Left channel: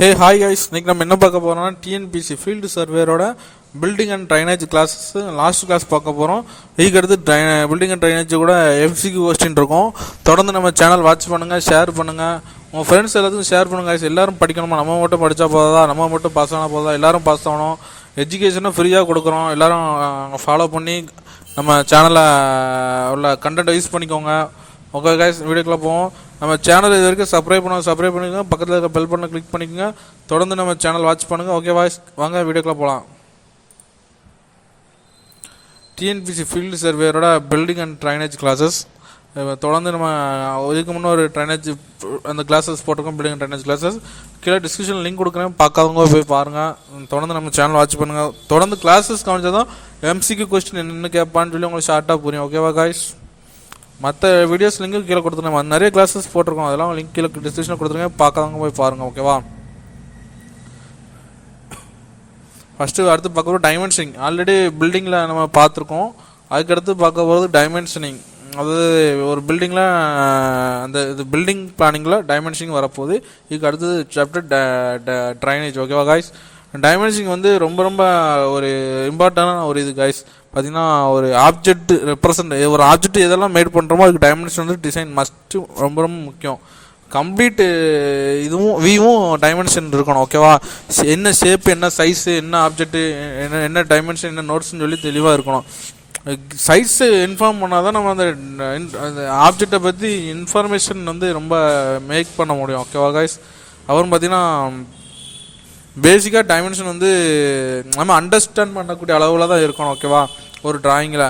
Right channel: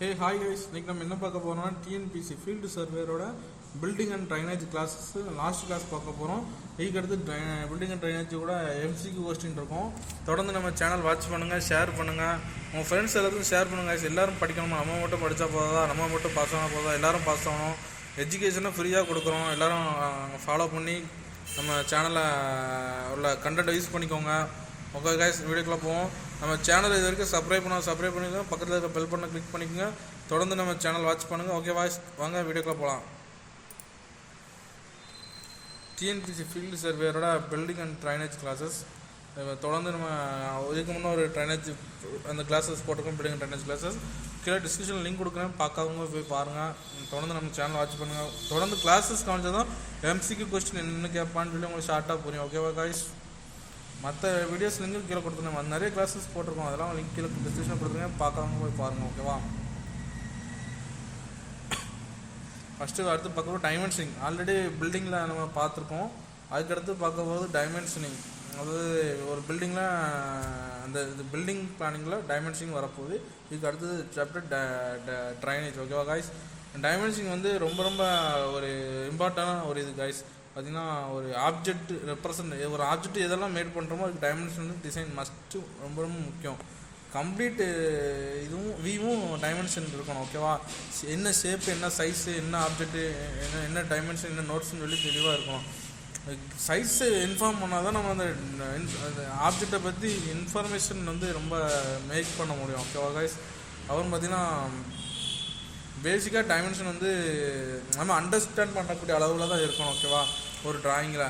Hey, hi guys. இன்னைக்கு நம்ம என்ன பார்க்க போறோம்னா TNPSC ஃபீல்டு சர்வேயரோட building and drainage classes last class பார்க்க போகிறோம். இதுக்கு அடுத்து பில்டிங் அண்ட் ட்ரைனேஜ் கூட MCQ கொஸ்டின் இருக்கும். தொடர்ந்து நம்ம சேனல் வாட்ச் பண்ணுங்கள், ஷேர் பண்ணுங்கள், உங்கள் ஃப்ரெண்ட்ஸ் எல்லாத்துக்கும் ஷேர் பண்ணுங்கள். எல்லோரும் படிக்கணுமா? நம்ம மட்டும் படித்தா போதா? நம்ம மட்டும் பாஸ் ஆனால் போதா? எல்லோரும் பாஸ் ஆகணும். எஜுகேஷனும் ஃப்ரீயாக கொடுக்குறோம். எல்லோரும் ஃபாலோ பண்ணி நம்ம சேனலை உள்ள கண்டென்ட் யூஸ் பண்ணிக்கோங்க. ஓகே கைஸ், வீடியோக்குள்ளே போவோம். நம்ம சேனல் இது வரைக்கும் சப்ஸ்கிரைப் பண்ணிக்கோங்க, பக்கத்தில் இருக்க பெல் பட்டனை கிளிக் பண்ணிக்கோங்க. தொடர்ந்து நம்ம சேனல் வாட்ச் பண்ணுங்கள். ஓகே வாய்ஸ், வாங்க வீடியோக்குள்ளே போகலாம். TNPSC ஃபீல்டு சர்வேயரோட பில்டிங் அண்ட் ட்ரைனேஜ் கிளாஸஸ் தொடர்ந்து நம்ம இதுக்கு முன்னே ஒரு ட்ரைனேஜ் அந்த கிளாஸஸ் போட்டிருக்கோம். பில்டிங் அண்ட் ட்ரைனேஜ் கிளாஸஸ் கீழே டிஸ்கிரிப்ஷன் லிங்க் கொடுக்குறேன், பார்க்காதவங்க போய் பாருங்கள். தொடர்ந்து நம்ம சேனல் வாட்ச் பண்ணுங்கள். தொடர்ந்து கிளாஸஸ் கவனிச்சதும் MCQ கொஸ்டின் என்னென்னு கேட்பான்னு சொல்லி உங்களுக்கு ஷார்ட்டாக புரியும். ஓகேவா காய்ஸ்? மற்ற வீடியோஸ் லிங்க்கு கீழே கொடுத்துருங்க. நிறைய கிளாஸஸ் போட்டிருக்கோம், அதெல்லாம் லிங்க் கீழே டிஸ்கிரிப்ஷனில் கொடுத்துருங்க, பார்க்காதவங்க போய் பாருங்கள். ஓகேவா? ஃபஸ்ட்டு அடுத்து பார்க்க போகிறது டைமென்ஷனிங். ஆல்ரெடி பில்டிங்கில் நம்ம பார்த்துருக்கோம். அதுக்கடுத்து பார்க்க போகிறது டைமென்ஷனிங். அதாவது ஒரு பில்டிங்கில் அந்த இது பில்டிங் பிளானிங்கில் டைமென்ஷனிங் வரப்போகுது. இதுக்கு அடுத்தது சாப்டர் ட்ரைனேஜ். ஓகேவா காய்ஸ்? டைமென்ஷனிங் வந்து ரொம்ப ரொம்ப ஒரு இம்பார்ட்டண்டான ஒரு இது காய்ஸ். பார்த்திங்கன்னா ஒரு ஆப்ஜெக்ட் ரெப்ரசன்ட், ஒரு ஆப்ஜெக்ட் எதெல்லாம் மேட் பண்ணுறோமோ அதுக்கு டைமென்ஷன் வந்து டிசைன் மஸ்ட்டு ரொம்ப ரொம்ப முக்கியம். கம்ப்ளீட் இதுவும் வியும் டைமென்ஷன் இருக்கணும். ஓகேவா? என்ன ஷேப்பு, என்ன சைஸு, என்ன ஆப்ஜெக்ட்டு, என்ன டைமென்ஷன், என்ன நோட்ஸ்ன்னு சொல்லி தெளிவாக இருக்கணும். சைஸு இன்ஃபார்ம் பண்ணால் தான் நம்ம அந்த ஆப்ஜெக்டை பற்றி இன்ஃபர்மேஷன் வந்து ரொம்ப மேக் பண்ண முடியும். ஓகேவா காய்ஸ்? அப்புறம் பார்த்திங்கன்னா பேசிக்காக டைமென்ஷன் வந்து நம்ம அண்டர்ஸ்டாண்ட் பண்ணக்கூடிய அளவில் தான் இருக்கணும். ஓகேவா? ஒரு டிராயிங்கில்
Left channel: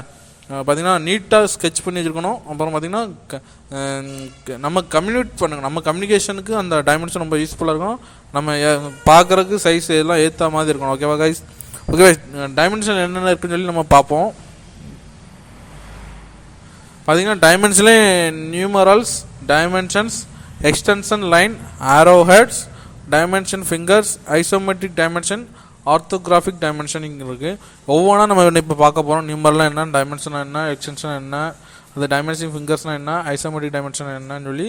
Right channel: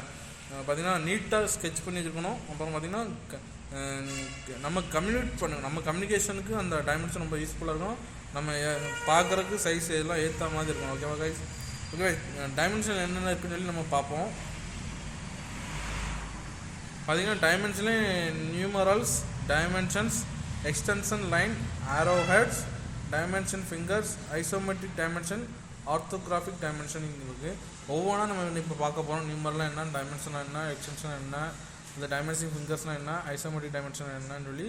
பார்த்திங்கன்னா நீட்டாக ஸ்கெட்ச் பண்ணி வச்சுருக்கணும். அப்புறம் பார்த்திங்கன்னா நம்ம கம்யூனிகேட் பண்ணுங்கள். நம்ம கம்யூனிகேஷனுக்கு அந்த டைமென்ஷன் ரொம்ப யூஸ்ஃபுல்லாக இருக்கும். நம்ம பார்க்குறதுக்கு சைஸ் எல்லாம் ஏற்ற மாதிரி இருக்கணும். ஓகேவா கைஸ்? ஓகே, டைமென்ஷன் என்னென்ன இருக்குன்னு சொல்லி நம்ம பார்ப்போம். பார்த்திங்கன்னா டைமென்ஷன்லே numerals, dimensions, extension line, arrow heads, dimension fingers, isometric dimension, orthographic dimensioning இருக்குது. ஒவ்வொன்றா நம்ம இப்போ பார்க்க போகிறோம். நியூமரல்லாம் என்ன, டைமென்ஷன் என்ன, எக்ஸ்டென்ஷன் என்ன, அந்த டைமென்ஷன் ஃபிங்கர்ஸ்னால் என்ன, ஐசோமெட்ரிக் டைமென்ஷன் என்னன்னு சொல்லி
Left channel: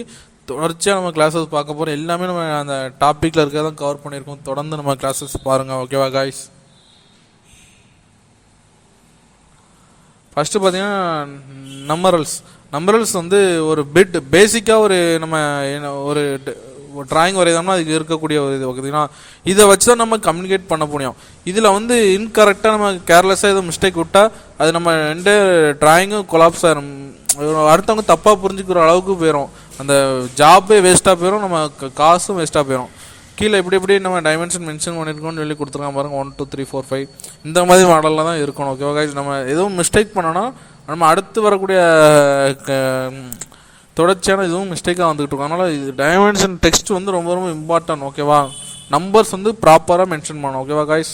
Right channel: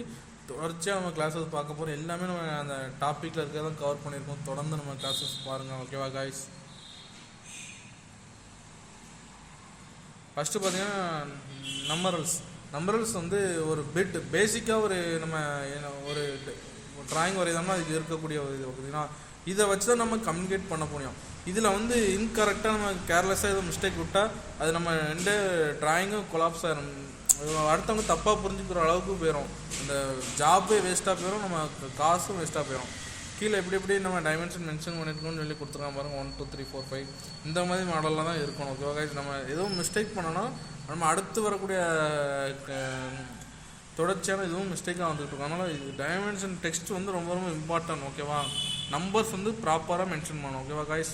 தொடர்ச்சியாக நம்ம கிளாஸஸ் பார்க்க போகிறோம். எல்லாமே நம்ம அந்த டாப்பிக்கில் இருக்கிறதான் கவர் பண்ணியிருக்கோம். தொடர்ந்து நம்ம கிளாஸஸ் பாருங்கள். ஓகேவா காய்ஸ்? ஃபஸ்ட்டு பார்த்திங்கன்னா நம்பரல்ஸ் வந்து ஒரு பேசிக்காக ஒரு நம்ம ஒரு ட்ராயிங் வரைதோம்னா அதுக்கு இருக்கக்கூடிய ஒரு இது பார்த்திங்கன்னா இதை வச்சு தான் நம்ம கம்யூனிகேட் பண்ண முடியும். இதில் வந்து இன்கரெக்டாக நம்ம கேர்லெஸ்ஸாக எதுவும் மிஸ்டேக் விட்டால் அது நம்ம ரெண்டு ட்ராயிங்கும் கொலாப்ஸ் ஆகிடும். அடுத்தவங்க தப்பாக புரிஞ்சுக்கிற அளவுக்கு போயிடும். அந்த ஜாப்பே வேஸ்ட்டாக போயிடும், நம்ம காசும் வேஸ்ட்டாக போயிடும். கீழே எப்படி நம்ம டைமென்ஷன் மென்ஷன் பண்ணியிருக்கோம்னு சொல்லி கொடுத்துருக்காங்க பாருங்கள். 1 2 3 4 5 இந்த மாதிரி மாடலில் தான் இருக்கணும். ஓகேவா கைஸ்? நம்ம எதுவும் மிஸ்டேக் பண்ணோன்னா நம்ம அடுத்து வரக்கூடிய தொடர்ச்சியான இதுவும் மிஸ்டேக்காக வந்துக்கிட்டு இருக்கோம். அதனால் இது டைமென்ஷன் டெக்ஸ்ட் வந்து ரொம்ப ரொம்ப இம்பார்ட்டன்ட். ஓகேவா? நம்பர்ஸ் வந்து ப்ராப்பராக மென்ஷன் பண்ணணும். ஓகேவா காய்ஸ்?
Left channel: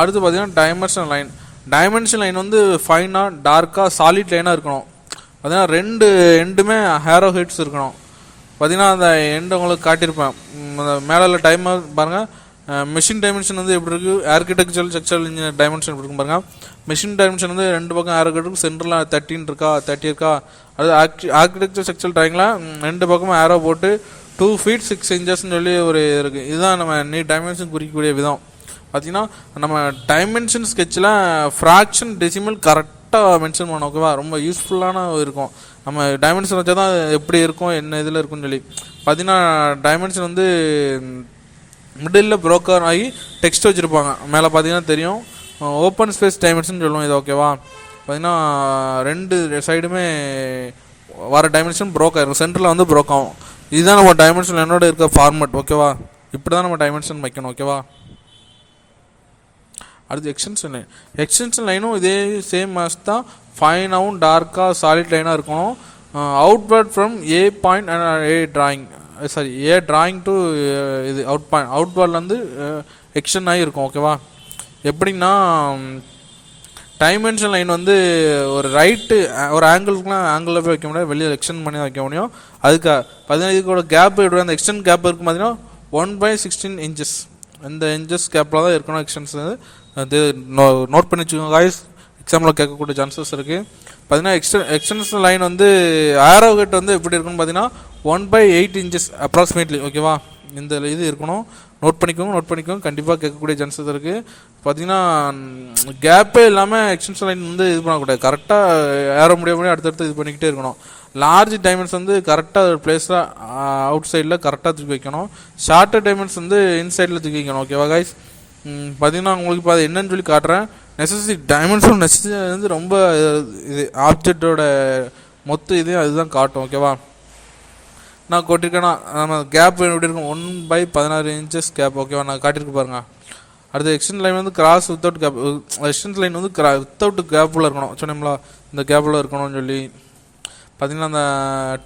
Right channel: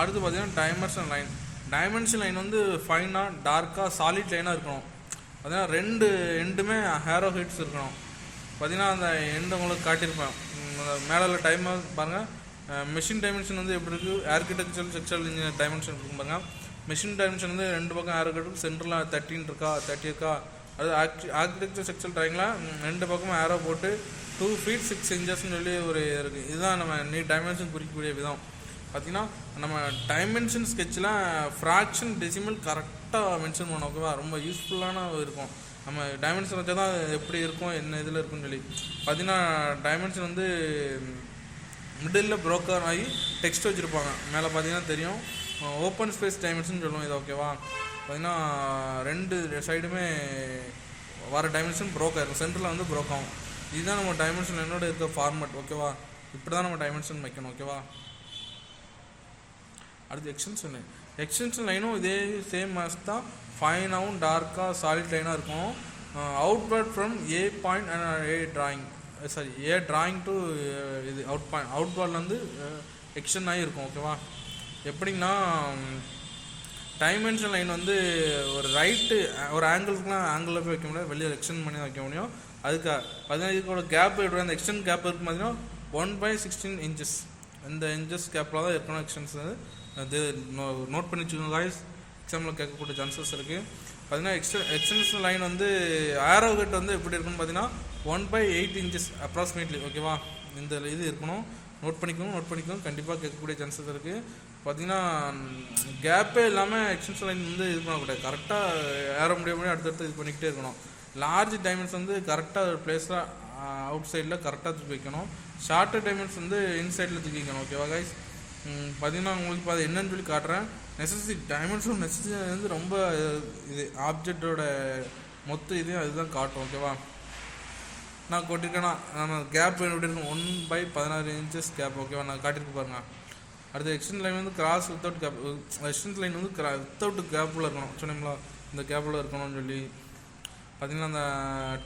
அடுத்து பார்த்திங்கன்னா டைமென்ஷன் லைன் வந்து ஃபைனாக டார்க்காக சாலிட் லைனாக இருக்கணும். பார்த்திங்கன்னா ரெண்டு எண்டுமே ஹேரோ ஹெட்ஸ் இருக்கணும். பார்த்திங்கன்னா அந்த எண்டு உங்களுக்கு காட்டியிருப்பேன். மேலே டைமர் பாருங்கள். மிஷின் டைமென்ஷன் வந்து எப்படி இருக்குது, ஆர்கிடெக்சரல் ஸ்ட்ரக்சரல் இன்ஜினியர் டைமென்ஷன் எப்படி இருக்கும் பாருங்கள். மிஷின் டைமென்ஷன் வந்து ரெண்டு பக்கம் ஆரோ ஹெட், சென்டரில் 30 இருக்கா. அது ஆர்கிடெக்சர் ஸ்ட்ரக்சரல் ட்ராயிங்கில் ரெண்டு பக்கமும் ஆரோ போட்டு 2 feet 6 inchesன்னு சொல்லி ஒரு இருக்குது. இதுதான் நம்ம டைமென்ஷன் குறிக்கக்கூடிய விதம். பார்த்திங்கன்னா நம்ம டைமென்ஷன் ஸ்கெட்சில் ஃப்ராக்ஷன் டெசிமல் கரெக்டாக மென்ஷன் பண்ணணும். ஓகேவா? ரொம்ப யூஸ்ஃபுல்லான இருக்கும். நம்ம டைமென்ஷன் வச்சா தான் எப்படி இருக்கும், என்ன இதில் இருக்குன்னு சொல்லி. பார்த்திங்கன்னா டைமென்ஷன் வந்து மிடில் ப்ரோக்கர் ஆகி டெக்ஸ்ட் வச்சுருப்பாங்க. மேலே பார்த்திங்கன்னா தெரியும், ஓப்பன் ஸ்பேஸ் டைமென்ஷன் சொல்லுவோம் இது. ஓகேவா? பார்த்திங்கன்னா ரெண்டு சைடுமே வர டைமென்ஷன் ப்ரோக் ஆகிரும், சென்டரில் வந்து ப்ரோக் ஆகும். இதுதான் நம்ம டைமென்ஷன் என்னோட இருக்க ஃபார்மெட். ஓகேவா? இப்படி தான் நம்ம டைமென்ஷன் வைக்கணும். ஓகேவா? அடுத்து எக்ஸ்டென்ஷன் லைனும் இதே சேம் மேட்ச் தான். ஃபைனாகவும் டார்க்காக சாலிட் லைனாக இருக்கணும். Outward from A point A drawing to இது அவுட்வர்ட்லேருந்து எக்ஸ்டெண்ட் ஆகி இருக்கும். ஓகேவா? எப்படின்னா டைமென்ஷன் லைன் வந்து ஒரு ஒரு ஆங்கிளில் போய் வைக்க முடியாது, வெளியே எக்ஸ்டெண்ட் பண்ணி வைக்க முடியும். அதுக்கு இதுக்கோட கேப் எப்படி அந்த எக்ஸ்டெண்ட் கேப் இருக்கும் பார்த்தீங்கன்னா 1/16 inches. இந்த இன்ச்சஸ் கேப்பில் தான் இருக்கணும் எக்ஸ்டென்ஷன். அது நோட் பண்ணி வச்சுக்கோங்க காய்ஸ், எக்ஸாமில் கேட்கக்கூடிய சான்சஸ் இருக்குது. பார்த்தீங்கன்னா எக்ஸ்டென்ஷன் லைன் வந்து ஆரோ ஹெட் வந்து எப்படி இருக்குன்னு பார்த்தீங்கன்னா 1/8 இன்ச்சஸ் அப்ராக்சிமேட்லி. ஓகேவா, இந்த இது இருக்கணும். நோட் பண்ணிக்கோங்க கண்டிப்பாக கேட்கக்கூடிய சான்சஸ் இருக்குது. பார்த்தீங்கன்னா கேப்பே இல்லாமல் எக்ஸ்டென்ஷன் லைன் வந்து இது பண்ணக்கூடாது. கரெக்டாக ஏற முடியாமல் அடுத்தடுத்து இது பண்ணிக்கிட்டே இருக்கணும். லார்ஜ் டைமண்ட்ஸ் வந்து கரெக்டாக ஒரு பிளேஸில் அவுட் சைடில் கரெக்டாக தூக்கி வைக்கணும். ஷார்ட்டர் டைமண்ட்ஸ் வந்து இன்சைடில் தூக்கி வைக்கணும். ஓகேவா கைஸ், பார்த்தீங்கன்னா உங்களுக்கு இப்போ அது என்னன்னு சொல்லி காட்டுறேன். நெசசிட்டி டைமண்ட்ஸோட நெசசிட்டி வந்து ரொம்ப இது ஆப்ஜெக்டோட மொத்த இது அதுதான் காட்டும். ஓகேவா, நான் கொட்டிருக்கேன்னா நம்ம கேப் எப்படி இருக்கும், 1/16 இன்ச்சஸ் கேப். ஓகேவா, நான் காட்டியிருக்கு பாருங்கள். அடுத்து எக்ஸ்டென்ட் லைன் வந்து cross without gap. Extend line வந்து வித்தவுட் கேப்பில் இருக்கணும் சொன்னோம்ல, இந்த கேப்பில் இருக்கணும்னு சொல்லி பார்த்தீங்கன்னா அந்த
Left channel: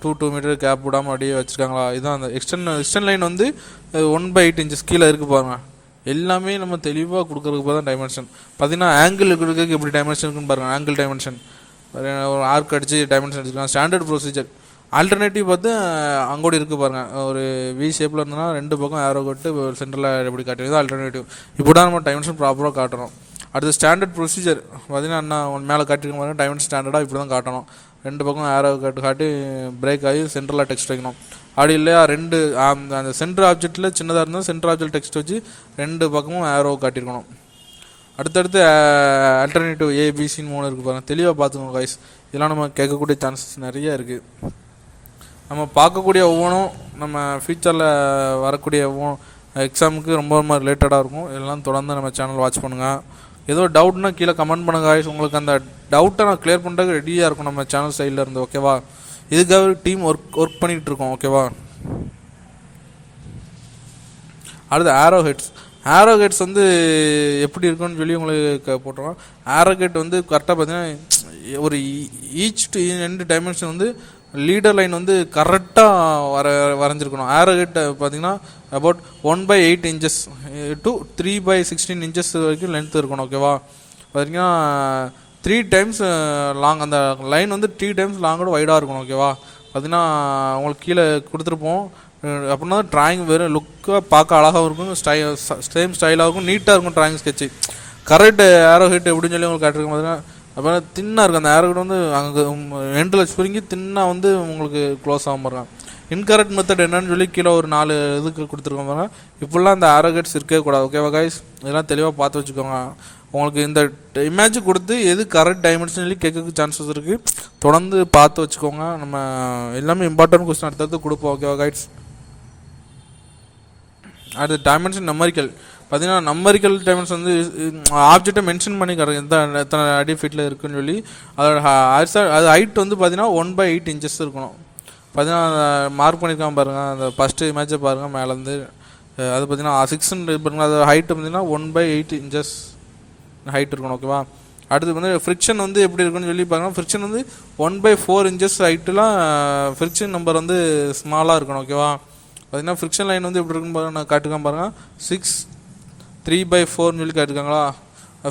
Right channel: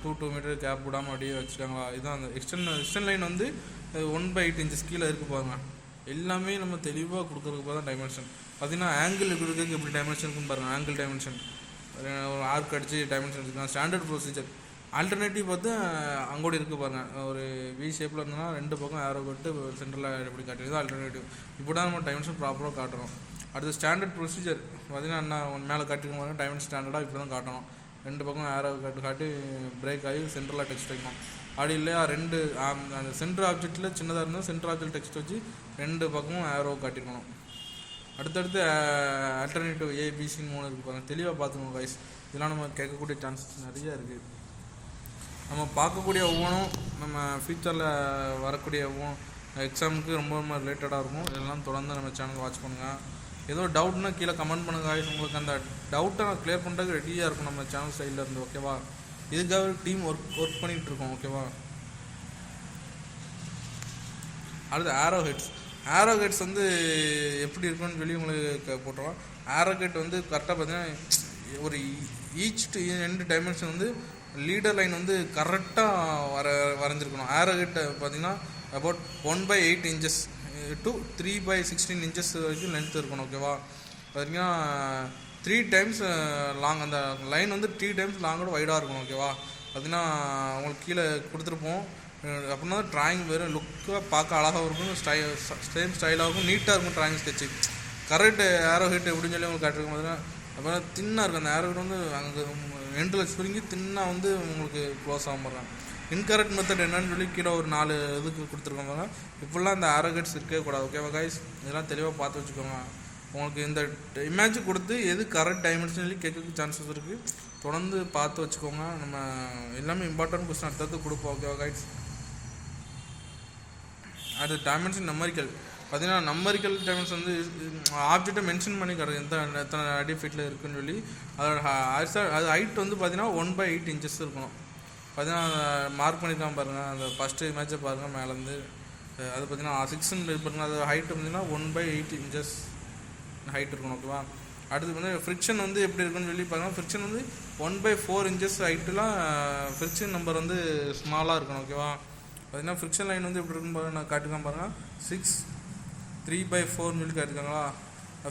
2 மீட்டர் கேப் விடாமல் அப்படியே வச்சுருக்காங்களா. இதுதான் அந்த எக்ஸ்டென்ட் லைன் வந்து 1/8 இன்ச்சஸ் கீழே இருக்குது பாருங்கள். எல்லாமே நம்ம தெளிவாக கொடுக்குறதுக்கு தான் டைமென்ஷன். பார்த்தீங்கன்னா ஆங்கிள் கொடுக்குறதுக்கு எப்படி டைமென்ஷன் இருக்குன்னு பாருங்கள். ஆங்கிள் டைமென்ஷன் ஒரு ஆர்க் அடித்து டைமென்ஷன் அடிச்சுக்கலாம். Standard procedure. ஆல்டர்னேட்டிவ் பார்த்து அங்கோடி இருக்குது பாருங்கள். ஒரு வி ஷேப்பில் இருந்ததுன்னா 2 பக்கம் ஏரோ கட்டு சென்டரில் எப்படி காட்டுறது ஆல்டர்னேட்டிவ். இப்படி தான் நம்ம டைமென்ஷன் ப்ராப்பராக காட்டணும். அடுத்து ஸ்டாண்டர்ட் ப்ரொசீஜர் பார்த்தீங்கன்னா என்ன மேலே காட்டிருக்க பாருங்கள். டைமென்ஷன் ஸ்டாண்டர்டாக இப்படி தான் காட்டணும். 2 பக்கம் ஏரோ காட்டி பிரேக் ஆகி சென்டரில் டெக்ஸ்ட் வைக்கணும். அப்படி இல்லையா அந்த சென்டர் ஆப்ஜெக்டில் சின்னதாக இருந்தால் சென்டர் ஆப்ஜெக்ட் டெக்ஸ்ட் வச்சு 2 பக்கமும் ஏரோ காட்டியிருக்கணும். அடுத்தடுத்து ஆல்டர்னேட்டிவ் ஏபிசின்னு 3 இருக்குது பாருங்கள். தெளிவாக பார்த்துக்கோங்க கைஸ். இதெல்லாம் நம்ம கேட்கக்கூடிய சான்சஸ் நிறைய இருக்குது. நம்ம பார்க்கக்கூடிய ஒவ்வொன்றும் நம்ம ஃப்யூச்சரில் வரக்கூடிய எக்ஸாமுக்கு ரொம்ப ரொம்ப ரிலேட்டடாக இருக்கும். இதெல்லாம் தொடர்ந்து நம்ம சேனல் வாட்ச் பண்ணுங்கள். ஏதோ டவுட்னா கீழே கமெண்ட் பண்ணுங்க கைஸ். உங்களுக்கு அந்த டவுட்டை நான் கிளியர் பண்ணுறதுக்கு ரெடியாக இருக்கும் நம்ம சேனல் சைடில் இருந்து. ஓகேவா, இதுக்காக டீம் ஒர்க் பண்ணிகிட்டு இருக்கோம். ஓகேவா, அடுத்து ஆரோ ஹெட்ஸ் வந்து எப்படி இருக்குன்னு சொல்லி உங்களுக்கு போட்டுருவோம். ஆரோ ஹெட் வந்து கரெக்டாக பார்த்தீங்கன்னா ஒரு ஈச் டு எண்டு டைமென்ஷன் வந்து லீடர் லைன் வந்து கரெக்டாக வரைஞ்சிருக்கணும். ஆரோ ஹெட் பார்த்தீங்கன்னா அபவுட் 1/8 இன்ச்சஸ் டு 3/16 இன்ச்சஸ் வரைக்கும் லென்த் இருக்கணும். ஓகேவா, பார்த்தீங்கன்னா 3 டைம்ஸ் லாங். அந்த லைன் வந்து 3 டைம்ஸ் லாங்கோட வைடாக இருக்கணும். ஓகேவா, பார்த்தீங்கன்னா உங்களுக்கு கீழே கொடுத்துருப்போம். அப்படின்னா ட்ராயிங் வேறு லுக்காக பார்க்க அழகாகவும் இருக்கும், சேம் ஸ்டைலாக இருக்கும், நீட்டாக இருக்கும் ட்ராயிங் ஸ்கெட்சு. கரெக்ட் ஆரோ ஹெட் எப்படின்னு சொல்லி உங்களுக்கு காட்டிருக்கோம். பார்த்தீங்கன்னா அப்புறம் தின்னாக இருக்கும். அந்த ஆரோ ஹெட் வந்து அங்கே எண்டில் சுருங்கி தின்னாக வந்து உங்களுக்கு க்ளோஸ் ஆகும் பாருங்க. இன்கரெக்ட் மெத்தட் என்னன்னு சொல்லி கீழே ஒரு 4 இதுக்கு கொடுத்துருக்கோம் பாருங்க. இப்படிலாம் அந்த ஆரோ ஹெட்ஸ் இருக்கவே கூடாது. ஓகேவா கைஸ், இதெல்லாம் தெளிவாக பார்த்து வச்சுக்கோங்க. உங்களுக்கு இந்த இமேஜ் கொடுத்து எது கரெக்ட் டைமென்ஷன் சொல்லி கேட்க சான்சஸ் இருக்குது. தொடர்ந்து பார்த்து வச்சுக்கோங்க. நம்ம எல்லாமே இம்பார்ட்டன்ட் கொஸ்டின் அடுத்தது கொடுப்போம். ஓகேவா கைஸ், அடுத்து டைமென்ஷன் நம்பரிக்கல். பார்த்தீங்கன்னா நம்பரிக்கல் டைமென்ஷன் வந்து ஆப்ஜெக்டை மென்ஷன் பண்ணி கிடைக்கும் எத்தனை அடி ஃபீட்டில் இருக்குன்னு சொல்லி. அது ஹைட் வந்து பார்த்தீங்கன்னா 1/8 இன்ச்சஸ் இருக்கணும். பார்த்தீங்கன்னா மார்க் பண்ணியிருக்காங்க பாருங்கள். அந்த ஃபஸ்ட்டு இமேஜை பாருங்கள் மேலேருந்து. அது பார்த்தீங்கன்னா 6 பாருங்கள். அது ஹைட்டு பார்த்தீங்கன்னா 1/8 இன்ச்சஸ் ஹைட் இருக்கணும். ஓகேவா, அடுத்து வந்து ஃப்ரிக்ஷன் வந்து எப்படி இருக்குன்னு சொல்லி பாருங்கள். ஃப்ரிக்ஷன் வந்து 1/4 இன்ச்சஸ் ஹைட்டுலாம் ஃப்ரிக்ஷன் நம்பர் வந்து ஸ்மாலாக இருக்கணும். ஓகேவா, பார்த்தீங்கன்னா ஃப்ரிக்ஷன் லைன் வந்து எப்படி இருக்குன்னு பாருங்கள். நான் காட்டுக்காம பாருங்கள். 6 3/4 சொல்லி காட்டுக்காங்களா.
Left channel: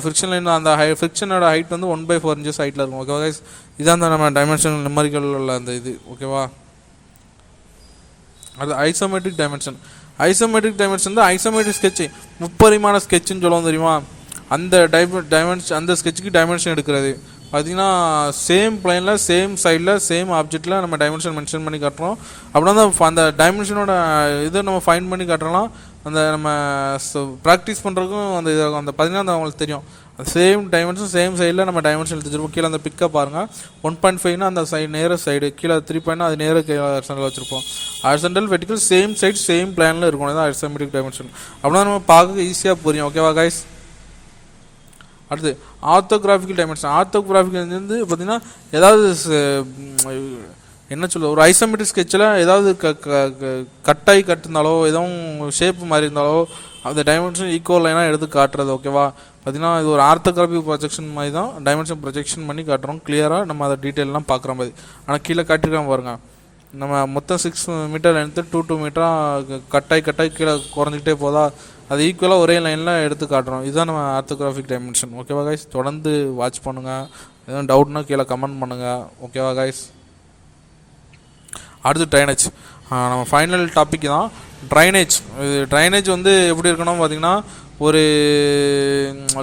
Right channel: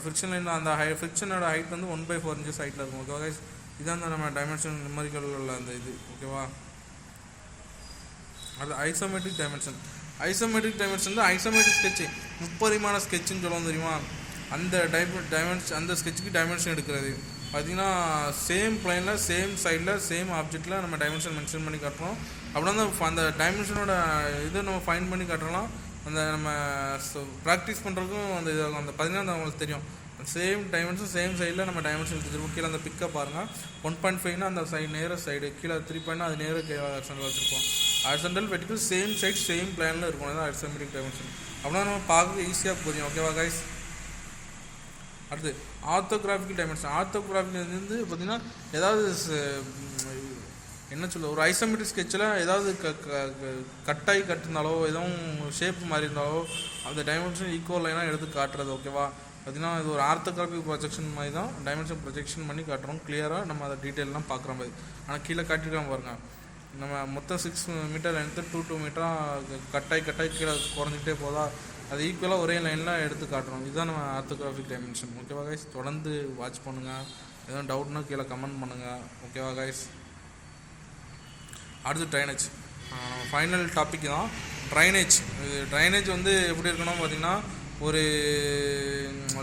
ஃப்ரிக்ஷன் லைன் அந்த ஃப்ரிக்ஷனோட ஹைட் வந்து 1/4 இன்ச்சஸ் ஹைட்டில் இருக்கும். ஓகேவா கைஸ், இதான் நம்ம டைமென்ஷன் நம்பரிக்கல் உள்ள அந்த இது. ஓகேவா, அது ஐசோமெட்ரிக் டைமென்ஷன். ஐசோமெட்ரிக் டைமென்ஷன் தான் ஐசோமெட்ரிக் ஸ்கெட்சு, முப்பரிமாண ஸ்கெட்சுன்னு சொல்லுவோம் தெரியுமா. அந்த டைமென்ஷன் அந்த ஸ்கெட்சுக்கு டைமென்ஷன் எடுக்கிறது பார்த்திங்கன்னா சேம் பிளைனில் சேம் சைடில் சேம் ஆப்ஜெக்டில் நம்ம டைமென்ஷன் மென்ஷன் பண்ணி காட்டுறோம். அப்படின்னா தான் அந்த டைமென்ஷனோட இதை நம்ம ஃபைண்ட் பண்ணி காட்டுறோம்னா அந்த நம்ம ப்ராக்டிஸ் பண்ணுறதுக்கும் அந்த இதாகும். அந்த பார்த்திங்கன்னா அவங்களுக்கு தெரியும் சேம் டைமென்ஷன் சேம் சைடில் நம்ம டைமென்ஷன் எடுத்துருப்போம். கீழே அந்த பிக்கை பாருங்கள். 1.5னா அந்த சைடு நேர சைடு, கீழே 3 அது நேர ஹாரிசாண்டல் வச்சுருப்போம். Horizontal vertical same side same பிளானில் இருக்கணும். தான் ஐசோமெட்ரிக் டைமென்ஷன். அப்படின்னா நம்ம பார்க்க ஈஸியாக புரியும். ஓகேவா கைஸ், அடுத்து ஆர்த்தோகிராஃபிக்கல் டைமென்ஷன். ஆர்த்தோகிராஃபிக்கல் வந்து பார்த்திங்கன்னா ஏதாவது என்ன சொல்ல ஒரு ஐசோமெட்ரிக் ஸ்கெட்சில் ஏதாவது கட்டாகி கட்டிருந்தாலோ எதுவும் ஷேப்பு மாதிரி இருந்தாலோ அந்த டைமென்ஷன் ஈக்குவல் லைனாக எடுத்து காட்டுறது. ஓகேவா, பார்த்திங்கன்னா இது ஒரு ஆர்த்தோகிராஃபிக் ப்ரொஜெக்ஷன் மாதிரி தான் டைமென்ஷன் ப்ரொஜெக்ஷன் பண்ணி காட்டுறோம். கிளியராக நம்ம அதை டீட்டெயிலெலாம் பார்க்குற மாதிரி. ஆனால் கீழே காட்டிருக்காம பாருங்கள். நம்ம மொத்தம் 6 மீட்டர் லென்த்து 2 மீட்டராக கட்டாகி கீழே குறைஞ்சிக்கிட்டே போதா அது ஈக்குவலாக ஒரே லைனில் எடுத்து காட்டுறோம். இதுதான் நம்ம ஆர்த்தோகிராஃபிக் டைமென்ஷன். ஓகேவா கைஸ், தொடர்ந்து வாட்ச் பண்ணுங்கள். எதுவும் டவுட்னா கீழே கமெண்ட் பண்ணுங்கள். ஓகேவா கைஸ், அடுத்து ட்ரைனேஜ். நம்ம ஃபைனல் டாபிக் தான் ட்ரைனேஜ். ட்ரைனேஜ் வந்து எப்படி இருக்கணும் பார்த்திங்கன்னா ஒரு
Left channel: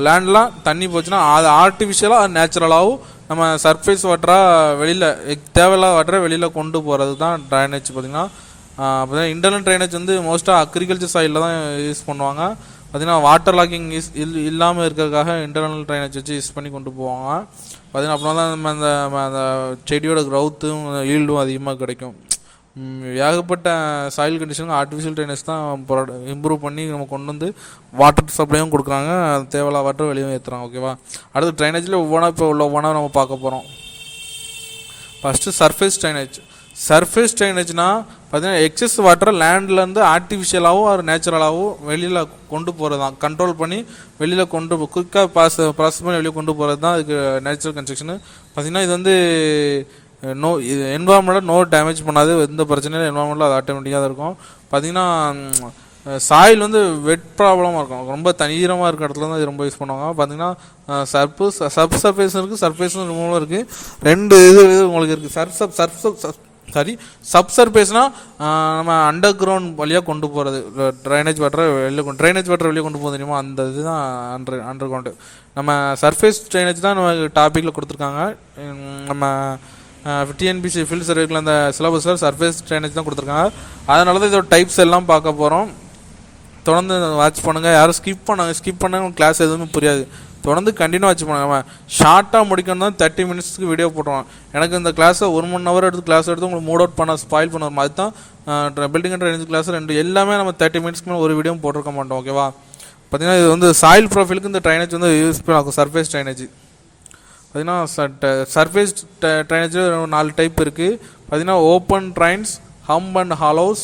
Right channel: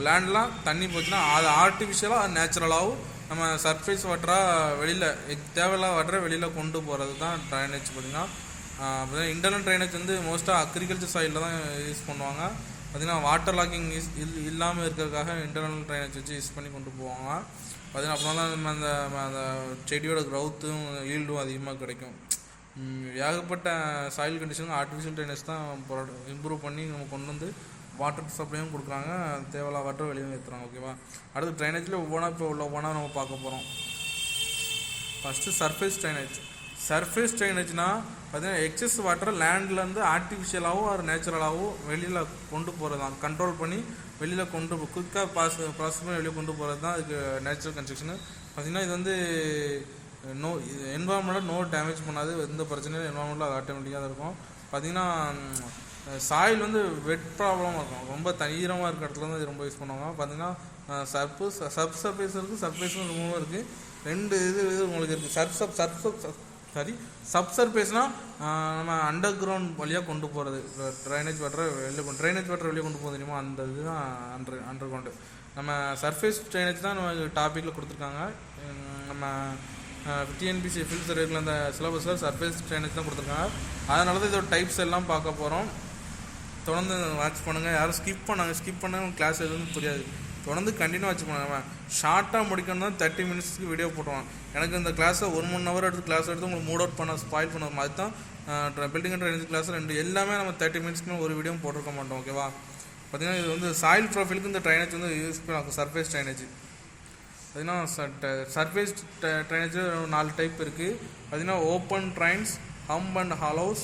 லேண்ட்லாம் தண்ணி போச்சுன்னா அது ஆர்டிஃபிஷியலாக அது நேச்சுரலாகவும் நம்ம சர்ஃபேஸ் வாட்டராக வெளியில் தேவையில்லாத வாட்டரை வெளியில் கொண்டு போகிறது தான் ட்ரைனேஜ் பார்த்திங்கன்னா. பார்த்தீங்கன்னா இன்டர்னல் ட்ரைனேஜ் வந்து மோஸ்ட்டாக அக்ரிகல்ச்சர் சைடில் தான் யூஸ் பண்ணுவாங்க. பார்த்திங்கன்னா வாட்டர் லாக்கிங் இல்லாமல் இருக்கிறதுக்காக இன்டர்னல் ட்ரைனேஜ் வச்சு யூஸ் பண்ணி கொண்டு போவாங்க. பார்த்திங்கன்னா அப்படின்னா தான் நம்ம அந்த செடியோட க்ரௌத்தும் ஈல்டும் அதிகமாக கிடைக்கும். ஏகப்பட்ட சாயில் கண்டிஷனுக்கு ஆர்டிஃபிஷியல் ட்ரைனேஜ் தான் இம்ப்ரூவ் பண்ணி நம்ம கொண்டு வந்து வாட்டர் சப்ளையும் கொடுக்குறாங்க, தேவையில்லா வாட்டர் வெளியே ஏற்றுறாங்க. ஓகேவா. அடுத்து ட்ரைனேஜில் ஒவ்வொன்றா நம்ம பார்க்க போகிறோம். First surface drainage. சர்ஃபேஸ் ட்ரைனேஜ்னால் பார்த்தீங்கன்னா எக்ஸஸ் வாட்டரை லேண்ட்லேருந்து ஆர்டிஃபிஷியலாகவும் ஒரு நேச்சுரலாகவும் வெளியில் கொண்டு போகிறது தான், கண்ட்ரோல் பண்ணி வெளியில் குயிக்காக ப்ராசஸ் பண்ணி வெளியே கொண்டு போகிறது தான் இதுக்கு நேச்சுரல் கன்ஸ்ட்ரக்ஷனு. பார்த்திங்கன்னா இது வந்து இது என்வரான்மெண்ட்டில் நோ டேமேஜ் பண்ணாது, எந்த பிரச்சனையும் என்வரான்மெண்ட்டில் அது ஆட்டோமேட்டிக்காக தான் இருக்கும். பார்த்திங்கன்னா சாயில் வந்து வெட் ப்ராப்ளமாக இருக்கும், ரொம்ப தண்ணீரமாக இருக்கிற இடத்துல தான் இது ரொம்ப யூஸ் பண்ணுவாங்க. பார்த்திங்கன்னா சப் சர்ஃபேஸும் இருக்குது, சர்ஃபேஸும் ரிமூவலும் இருக்குது. ரெண்டு இது உங்களுக்கு இருக்குது. சப் சர்ஃபேஸ்னால் நம்ம அண்டர் கிரவுண்ட் வழியாக கொண்டு போகிறது, ட்ரைனேஜ் வாட்டரை வெளியே கொண்டு போக தெரியுமா, அந்த இதுதான் அண்டர் கிரவுண்டு. நம்ம சர்ஃபேஸ் ட்ரைனேஜ் தான் நம்ம டாப்பிக்கில் கொடுத்துருக்காங்க. நம்ம டிஎன்பிஎஸ்சி ஃபீல்ட் சர்வேக்கில் அந்த சிலபஸில் சர்ஃபேஸ் ட்ரைனேஜ் தான் கொடுத்துருக்காங்க. அதனால தான் இதோட டைப்ஸ் எல்லாம் பார்க்க போகிறோம். தொடர்ந்து வாட்ச் பண்ணுங்கள். யாரும் ஸ்கிப் பண்ணாங்க கிளாஸ் எதுவுமே புரியாது. தொடர்ந்து கண்டினியூ வாட்ச் பண்ணுங்க. நம்ம ஷார்ட்டாக முடிக்கணும் தான் 30 மினிட்ஸ்க்கு வீடியோ போட்டுருவோம். எனக்கு இந்த கிளாஸை 1 மணி நேரம் எடுத்து கிளாஸ் எடுத்து உங்களுக்கு மூட் அவுட் ஸ்பாயில் பண்ணுவோம். அதுதான் பில்டிங் அண்ட் ட்ரைனேஜ் கிளாஸ் எல்லாமே நம்ம 30 மினிட்ஸ்க்கு மேலே ஒரு வீடியோ போட்டிருக்க மாட்டோம். ஓகேவா. பார்த்திங்கன்னா இது வந்து சாயில் ப்ரொஃபைலுக்கு இந்த ட்ரைனேஜ் வந்து யூஸ்ஃபுல் ஆகும். சர்ஃபேஸ் ட்ரைனேஜ் பார்த்திங்கன்னா சர்ஃபேஸ் ட்ரைனேஜில் 4 டைப் இருக்குது. பார்த்திங்கன்னா open Reigns, hump and Hallows,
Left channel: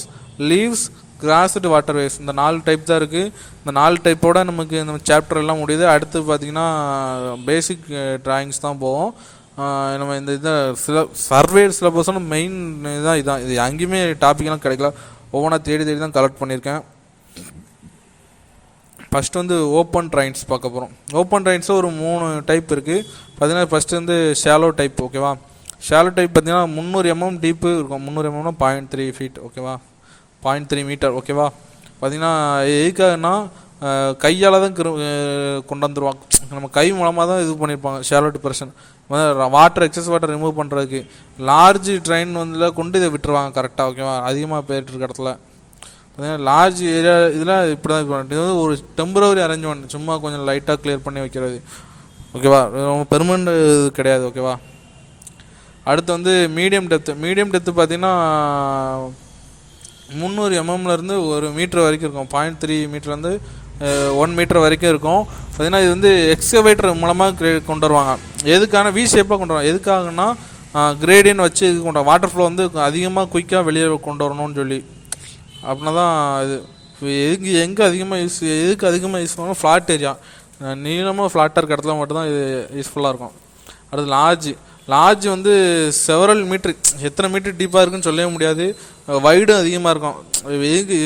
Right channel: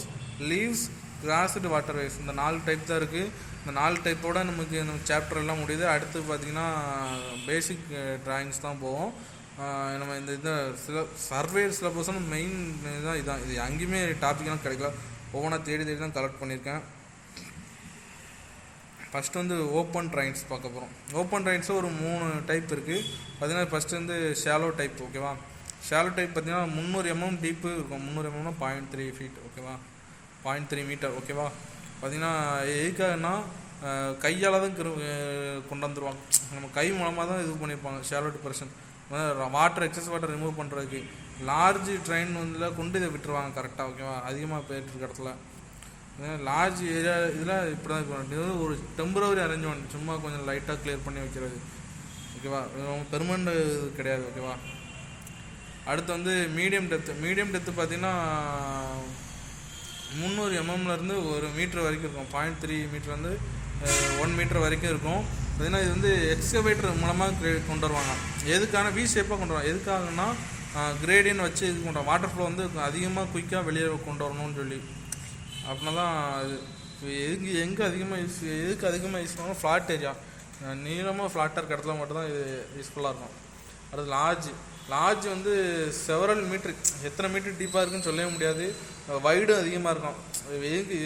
leaves, crossed waterways, இந்த 4 டைப் தான் இருக்குது. இந்த 4 டைப்போட நமக்கு இந்த சாப்டர் எல்லாம் முடியுது. அடுத்து பார்த்திங்கன்னா பேசிக் ட்ராயிங்ஸ் தான் போவோம். நம்ம இந்த சர்வே சிலபஸோட மெயின் இதான். இது எங்கேயுமே டாப்பிக்லாம் கிடைக்கல, ஒவ்வொன்றா தேடி தான் கலெக்ட் பண்ணியிருக்கேன். ஃபஸ்ட்டு வந்து ஓப்பன் ட்ரைன்ஸ் பார்க்க போகிறோம். ஓப்பன் ட்ரைன்ஸில் ஒரு 3 டைப் இருக்குது. பார்த்திங்கன்னா ஃபஸ்ட்டு வந்து ஷாலோ டைப். ஓகேவா. ஷாலோ டைப் பார்த்திங்கன்னா 300 mm டீப்பு இருக்கும். 300 mm 0.3 ஃபீட். ஓகேவா, 0.3 மீட்டர். ஓகேவா. பார்த்திங்கன்னா எதுக்காகனா கையால் தான் கொண்டு வந்துடுவாங்க, நம்ம கை மூலமாக தான் இது பண்ணியிருப்பாங்க. Shallow depression water excess water remove பண்ணுறதுக்கு லார்ஜ் ட்ரெயின் வந்து கொண்டு இதை விட்டுருவாங்க கரெக்டாக. ஓகேவா. அதிகமாக போயிட்டு இருக்க இடத்துல லார்ஜ் ஏரியா இதில் இப்படி தான் இருக்கணும். இது வந்து ஒரு டெம்பரவரி அரேஞ்ச்மெண்ட், சும்மா கொஞ்சம் லைட்டாக கிளியர் பண்ணி வைக்கிறது. ஓகேவா. ரொம்ப பெர்மனண்ட் இது கிடையாது. ஓகேவா. அடுத்து வந்து மீடியம் டெப்த்து பார்த்திங்கன்னா 300 mmலேருந்து 1 மீட்டர் வரைக்கும் இருக்கும். 0.3 மீட்டர்லேருந்து 1 மீட்டர் வரைக்கும் இருக்கும். பார்த்திங்கன்னா இது வந்து எக்ஸ்கவேட்டர் மூலமாக கொண்டு வருவாங்க. எதுக்கான வி ஷேப்பாக கொண்டு வருவாங்க. எதுக்காகனா கிரேடியன் வச்சு இது கொண்டு வாட்டர் ஃப்ளோ வந்து அதிகமாக குயிக்காக வெளியே கொண்டு வரணும்னு சொல்லி. அப்படின்னா தான் இது எதுக்கு அதிகமாக யூஸ் பண்ணணும், ஃப்ளாட் ஏரியா, நீளமாக ஃப்ளாட்டாக இருக்க இடத்துல மட்டும்தான் இது யூஸ்ஃபுல்லாக இருக்கும். அடுத்து லார்ஜ் வந்து செவரல் மீட்ரு, எத்தனை மீட்டர் டீப்பாக இருக்குன்னு சொல்லவே முடியாது, வைடும் அதிகமாக இருக்கும். எதுக்கு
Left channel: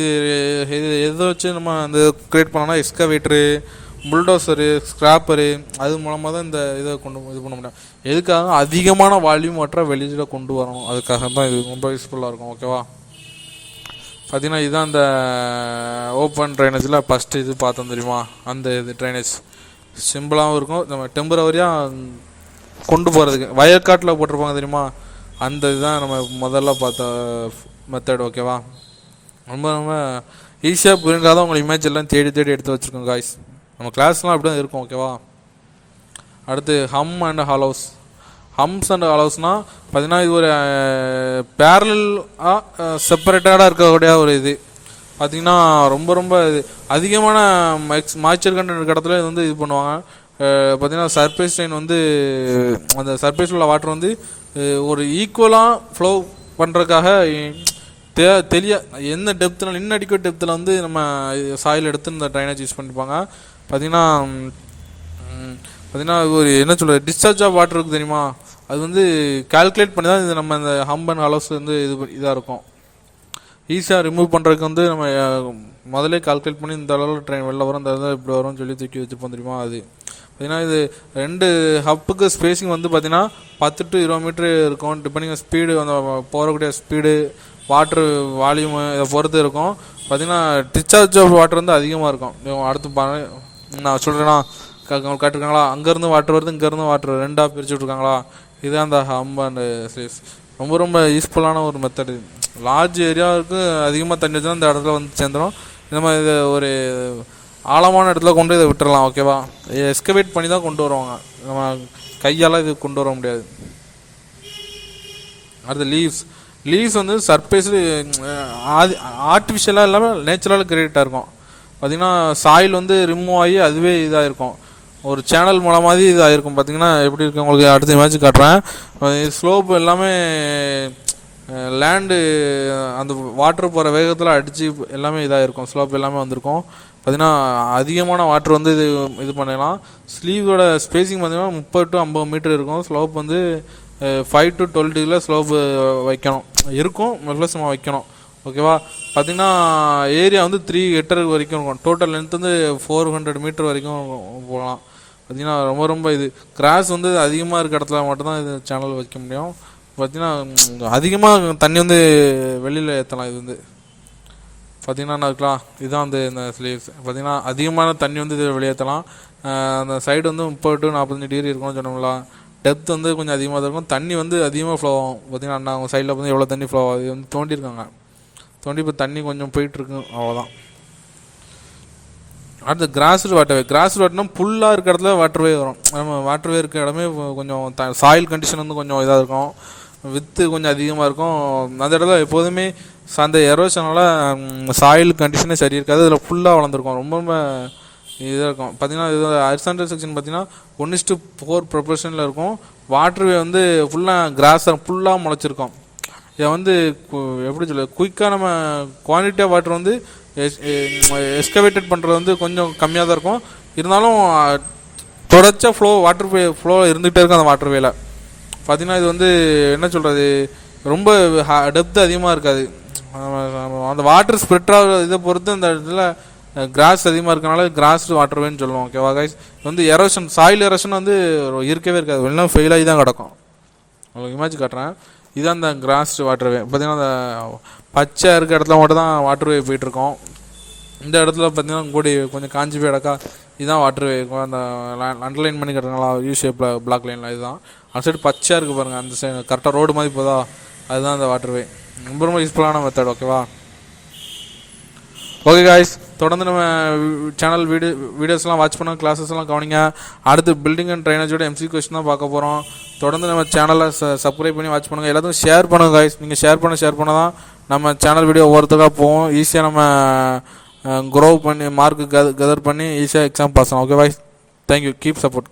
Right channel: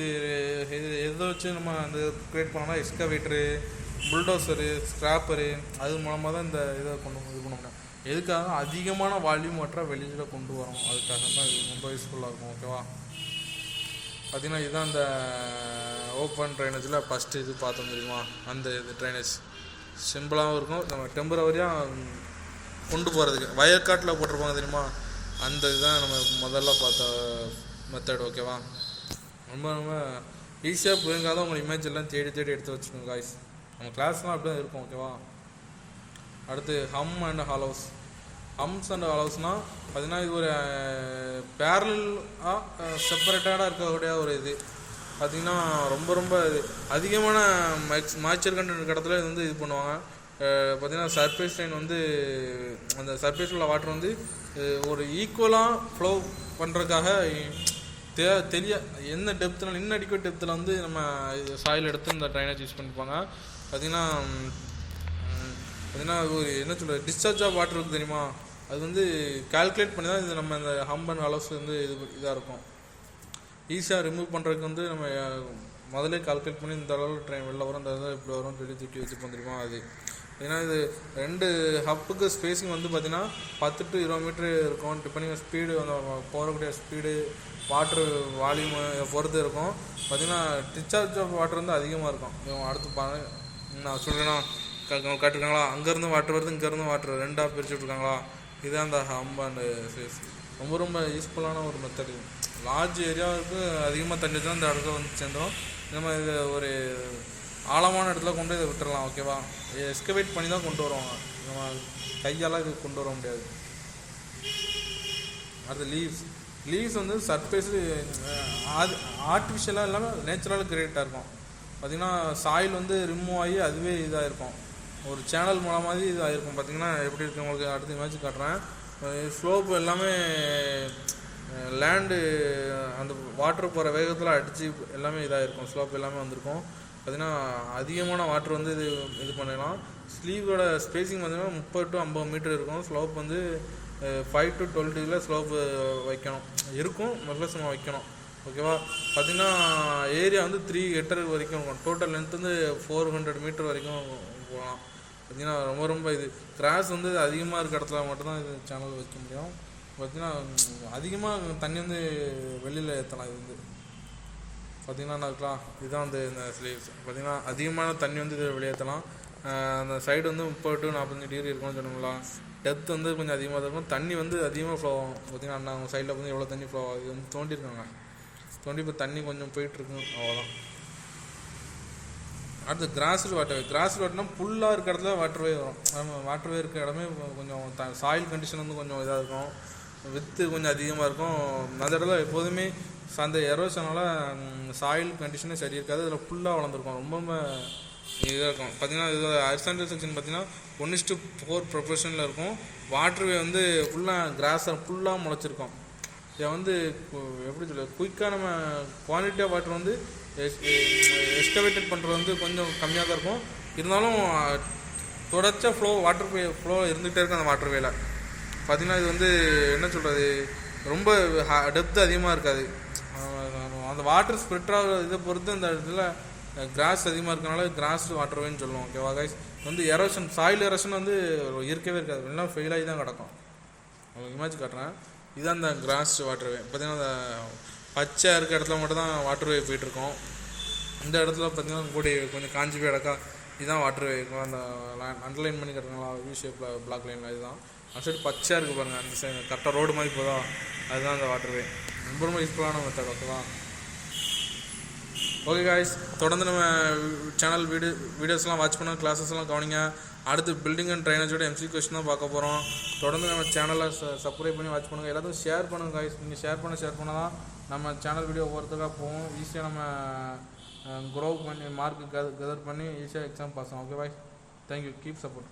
எதை வச்சு நம்ம அந்த க்ரியேட் பண்ணோம்னா எக்ஸ்கவேட்டரு, புல்டோசரு, ஸ்க்ராப்பரு, அது மூலமாக தான் இந்த இதை இது பண்ண முடியும். எதுக்காக அதிகமான வால்யூம் வாட்டரை வெளியில் கொண்டு வரோம், அதுக்காக தான் இது ரொம்ப யூஸ்ஃபுல்லாக இருக்கும். ஓகேவா. பார்த்திங்கன்னா இதுதான் இந்த ஓப்பன் ட்ரைனேஜில் ஃபஸ்ட்டு இது பார்த்தோம் தெரியுமா, அந்த இது ட்ரைனேஜ் சிம்பிளாகவும் இருக்கும். நம்ம டெம்பரவரியாக கொண்டு போகிறதுக்கு வயற்காட்டில் போட்டிருப்பாங்க தெரியுமா, அந்த இதுதான் நம்ம முதல்ல பார்த்த மெத்தட். ஓகேவா. ரொம்ப ஈஸியாக புரிஞ்சாதான் உங்களை இமேஜ் எல்லாம் தேடி எடுத்து வச்சுருக்கோம் காய்ஸ். நம்ம கிளாஸ்லாம் அப்படி தான் இருக்கும். ஓகேவா. அடுத்து ஹம்ப்ஸ் அண்ட் ஹாலோஸ்னால் பார்த்திங்கன்னா இது ஒரு பேரலாக செப்பரேட்டடாக இருக்கக்கூடிய ஒரு இது. பார்த்திங்கன்னா ரொம்ப இது அதிகமான மாய்ச்சர் கண்டென்ட் இருக்க இடத்துல இது வந்து இது பண்ணுவாங்க. பார்த்திங்கன்னா சர்ஃபேஸ் ட்ரெயின் வந்து அந்த சர்ஃபேஸில் உள்ள வாட்டர் வந்து ஒரு ஈக்குவலாக ஃப்ளோ பண்ணுறதுக்காக என்ன டெப்த்தில் இன்னடிக்குவேட் டெப்த்தில் வந்து நம்ம சாயில் எடுத்து இந்த ட்ரைனேஜ் யூஸ் பண்ணிப்பாங்க. பார்த்திங்கன்னா ஒரு என்ன சொல்கிறது, டிஸ்சார்ஜ் ஆஃப் வாட்டர் இருக்குது தெரியுமா, அது வந்து கால்குலேட் பண்ணி தான் இது நம்ம இந்த ஹம்ப் அண்ட் ஹாலோஸ் வந்து இதாக இருக்கும். ஈஸியாக ரிமூவ் பண்ணுறதுக்கு வந்து நம்ம முதலே கால்குலேட் பண்ணி இந்த அளவில் ட்ரெயின் வெளில வரும், இந்த இதில் இப்படி வரும்னு சொல்லி தூக்கி வச்சுப்போம் தெரியுமா. அது ஏன்னா இது 2 ஹப்புக்கு ஸ்பேஸிங் வந்து பார்த்திங்கன்னா 10 to 20 மீட்ரு இருக்கும். டிபெண்டிங் ஸ்பீடு, அந்த போகக்கூடிய ஸ்பீடு, வாட்ரு வால்யூமு இதை பொறுத்து இருக்கும். பார்த்திங்கன்னா டிஸ்சார்ஜ் ஆஃப் வாட்டர் வந்து அதிகமாக இருக்கும். அடுத்து நான் சொல்கிறேன்னா காட்டிருக்காங்களா, அங்கேருந்து வாட்டர் வருது, இங்கேருந்து வாட்டர் ரெண்டாக பிரித்து விட்ருக்காங்களா. இதுதான் அந்த ஹம்ப் அண்ட் ஸ்லேவ்ஸ். ரொம்ப ரொம்ப யூஸ்ஃபுல்லான ஒரு மெத்தடு. லார்ஜ் ஏரியாவுக்கு அதிகமாக தண்ணி வச்சுன்னா இந்த இடத்துல வந்து சேர்ந்துடும். இந்த மாதிரி இதை ஒரு ஆழமான இடத்துல கொண்டு இதை விட்டுறலாம். ஓகேவா, எஸ்கவேட் பண்ணி தான் கொண்டு வருவாங்க, நம்ம கையால் இது கொண்டு வர முடியாது. அடுத்து லீவ்ஸ் வந்து சர்ஃபேஸு ஆர்டிஃபிஷியலாக இல்லாமல் நேச்சுரலாக கிரியேட்டாக இருக்கும். பார்த்திங்கன்னா சாயில் வந்து ரிமூவ் ஆகி அதுவே இதாக இருக்கும், ஒரு சேனல் மூலமாக இதாக இருக்கும். பார்த்திங்கன்னா எப்படி இருக்கு உங்களுக்கு அடுத்த இமேஜ் காட்டுறேன். ஸ்லோப் எல்லாமே லேண்டு அந்த வாட்டர் போகிற வேகத்தில் அடித்து எல்லாமே இதாக இருக்கும், ஸ்லோப் எல்லாமே வந்திருக்கும். பார்த்திங்கன்னா அதிகமான வாட்டர் வந்து இது பண்ணிடலாம். ஸ்லீவோட ஸ்பேஸிங் பார்த்திங்கன்னா 30 to 50 மீட்டர் இருக்கும். ஸ்லோப் வந்து 5 to 12 டிகிரியில் ஸ்லோப்பு வைக்கணும் இருக்கும், ப்ளஸ் நம்ம வைக்கணும். ஓகேவா, பார்த்திங்கன்னா ஏரியா வந்து 3 ஹெக்டர் வரைக்கும் இருக்கும். டோட்டல் லென்த் வந்து 400 மீட்டர் வரைக்கும் போகலாம். பார்த்திங்கன்னா ரொம்ப ரொம்ப இது கிராஸ் வந்து அதிகமாக இருக்க இடத்துல மட்டும்தான் இது சேனல் வைக்க முடியும். பார்த்திங்கன்னா அதிகமாக தண்ணி வந்து வெளியில் ஏற்றலாம். இது வந்து பார்த்திங்கன்னா இருக்கலாம், இதுதான் வந்து இந்த ஸ்லீவ்ஸ். பார்த்திங்கன்னா அதிகமான தண்ணி வந்து இது வெளியேற்றலாம். அந்த சைடு வந்து 30 to 45 டிகிரி இருக்கும்னு சொன்னோம்ல. டெப்த் வந்து கொஞ்சம் அதிகமாக இருக்கும், தண்ணி வந்து அதிகமாக ஃப்ளோ ஆகும். பார்த்திங்கன்னா அவங்க சைடில் வந்து எவ்வளோ தண்ணி ஃப்ளோ ஆகுது வந்து தோண்டியிருக்காங்க, தோண்டி இப்போ தண்ணி கொஞ்சம் போயிட்டுருக்கு, அவ்வளோதான். அடுத்து கிராஸ்டு வாட்டர்னா ஃபுல்லாக இருக்கிற இடத்துல வாட்டர்வே வரும். நம்ம வாட்டர்வே இருக்க இடமே கொஞ்சம் சாயில் கண்டிஷன் வந்து கொஞ்சம் இதாக இருக்கும், வித்து கொஞ்சம் அதிகமாக இருக்கும். அந்த இடத்துல எப்போதுமே அந்த எரோஷனால் சாயில் கண்டிஷனே சரி இருக்காது, அதில் ஃபுல்லாக வளர்ந்துருக்கும், ரொம்ப ரொம்ப இதாக இருக்கும். பார்த்திங்கன்னா இது ஹரிசாண்டல் செக்ஷன் பார்த்திங்கன்னா 1:4 ப்ரொபோர்ஷனில் இருக்கும். வாட்டர்வே வந்து ஃபுல்லாக கிராஸ் ஃபுல்லாக முளைச்சிருக்கும். இதை வந்து எப்படி சொல்ல, குயிக்காக நம்ம குவான்டிட்டியாக வாட்டர் வந்து எஸ்கவேட்டட் பண்ணுறது வந்து கொஞ்சம் கம்மியாக தான் இருக்கும். இருந்தாலும் தொடர்ச்சியாக வாட்டர் ஃப்ளோ இருந்துகிட்டே இருக்கும் அந்த வாட்டர்வேல. பார்த்திங்கன்னா இது வந்து என்ன சொல்கிறது, ரொம்ப டெப்த் அதிகமாக இருக்காது. அந்த வாட்டர் ஸ்ப்ரெட் ஆகிற இதை பொறுத்து அந்த இடத்துல கிராஸ் அதிகமாக இருக்கனால கிராஸ் வாட்டர்வேன்னு சொல்லுவோம். ஓகேவா கைஸ், வந்து எரோஷன் சாயில் எரோஷன் வந்து இருக்கவே இருக்காது, எல்லாம் ஃபெயில் ஆகி தான் கிடக்கும். உங்களுக்கு இமேஜ் காட்டுறேன், இதுதான் அந்த கிராஸ் வாட்டர்வே. பார்த்திங்கன்னா அந்த பச்சை இருக்க இடத்துல மட்டும் தான் வாட்டர்வே போயிட்டுருக்கோம். இந்த இடத்துல பார்த்திங்கன்னா கூடி கொஞ்சம் காஞ்சி போய் இடக்கா, இதுதான் வாட்டர்வே இருக்கும். அந்த அண்டர்லைன் பண்ணி கட்டுறாங்களா யூ ஷேப்பில் பிளாக் லைனில், இதுதான். அந்த சைடு பச்சையாக இருக்குது பாருங்கள், அந்த சைடு கரெக்டாக ரோடு மாதிரி போதா, அதுதான் அந்த வாட்டர்வே. ரொம்ப ரொம்ப யூஸ்ஃபுல்லான மெத்தட். ஓகேவா, ஓகே காய்ஸ், தொடர்ந்து நம்ம சேனல் வீடியோஸ்லாம் வாட்ச் பண்ண, கிளாஸஸ்லாம் கவனிங்க. அடுத்து பில்டிங் அண்ட் ட்ரைனேஜோட MCQ கொஸ்டின் தான் பார்க்க போகிறோம். தொடர்ந்து நம்ம சேனலை சப்ஸ்கிரைப் பண்ணி வாட்ச் பண்ணுங்கள். எல்லாத்துக்கும் ஷேர் பண்ணுங்கள் காய்ஸ், நீங்கள் ஷேர் பண்ண தான் நம்ம சேனல் வீடியோ ஒவ்வொருத்தருக்காக போவோம். ஈஸியாக நம்ம க்ரோ பண்ணி மார்க்கு கெதர் பண்ணி ஈஸியாக எக்ஸாம் பாஸ் ஆகும். Okay guys, thank you, keep support.